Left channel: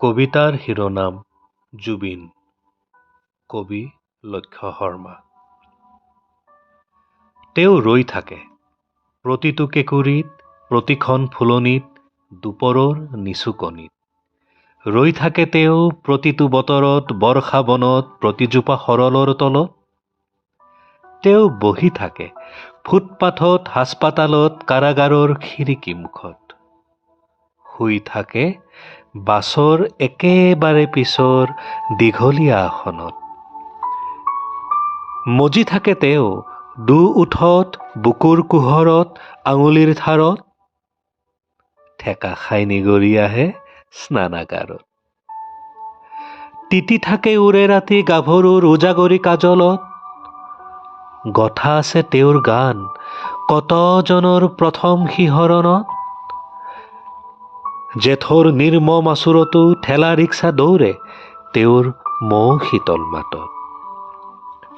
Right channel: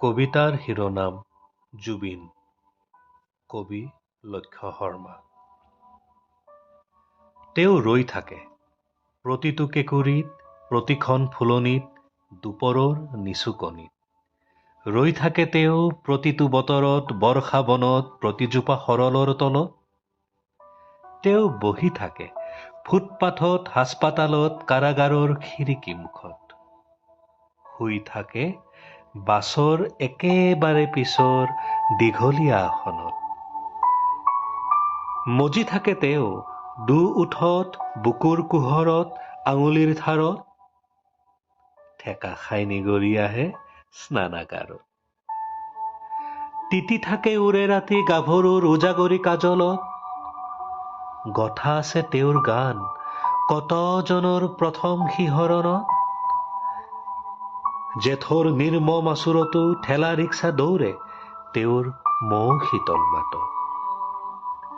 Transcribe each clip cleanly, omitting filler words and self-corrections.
কবিতাৰ শিৰোনাম জুবিন। কবি লক্ষ্য শৰ্মা। তেওঁ ৰৈ থাকে প্ৰতিটো কেঁকুৰিত, প্ৰতিখন ফুলনিত, দুপৰৰ নিচুকনিত। ৰৈ থাকে তেওঁ প্ৰতিটো বতৰত, বৰ্ষা বনত, প্ৰতিজোপা সৰলৰ তলত। তেওঁ বহি থাকে ফুটপাথত, হাস্পাতালত, কাৰাগাৰৰ খিৰিকী মুখত। শুই থাকে বাছৰ একেবাৰে পিছৰ দীঘলীয়া আসনত। মজি থাকে তেওঁ দুওঠত, বুকুৰ কুহৰত, আঙুলিৰ ঠাৰত। ঠেকা খাই নিগৰি আহে স্নানাগাৰত। তিতি থাকে ওৰে ৰাতি গাভৰুৰ উজাগৰি কাজলত। গথা আছে তেওঁৰ গান কতজনৰ প্ৰথম শিহৰণত। জেঠৰ নিৰ্মম আচুৰতো ঠেলা ৰিক্সা দৌৰে তেওঁৰ মৌ শীতল মাতত।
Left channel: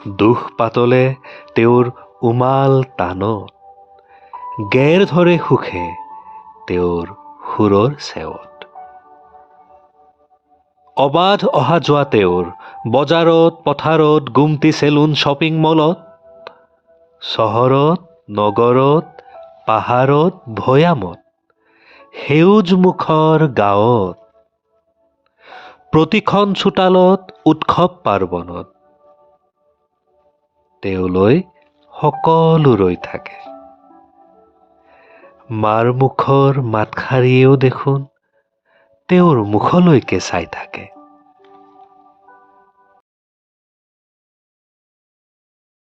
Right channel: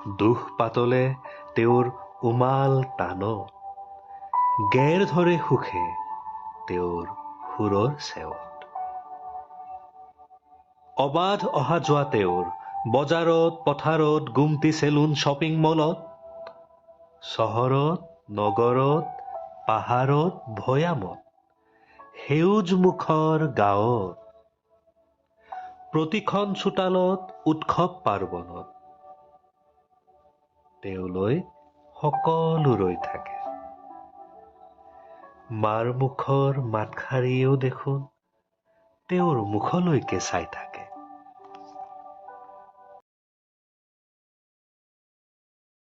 দুখ পাতলে তেওঁৰ উমাল তানত, গেৰ ধৰে সুখে তেওঁৰ সুৰৰ চেৱত। অবাধ অহা যোৱা তেওঁৰ বজাৰত, পথাৰত, গুমটি, চেলুন, শ্বপিং মলত। চহৰত, নগৰত, পাহাৰত, ভৈয়ামত, সেউজ মুখৰ গাঁৱত। প্ৰতিখন চোতালত, উৎসৱ পাৰ্বণত। তেওঁলৈ সকলো ৰৈ থাকে। মাৰ মুখৰ মাতষাৰিয়েও দেখোন তেওঁৰ মুখলৈকে চাই থাকে।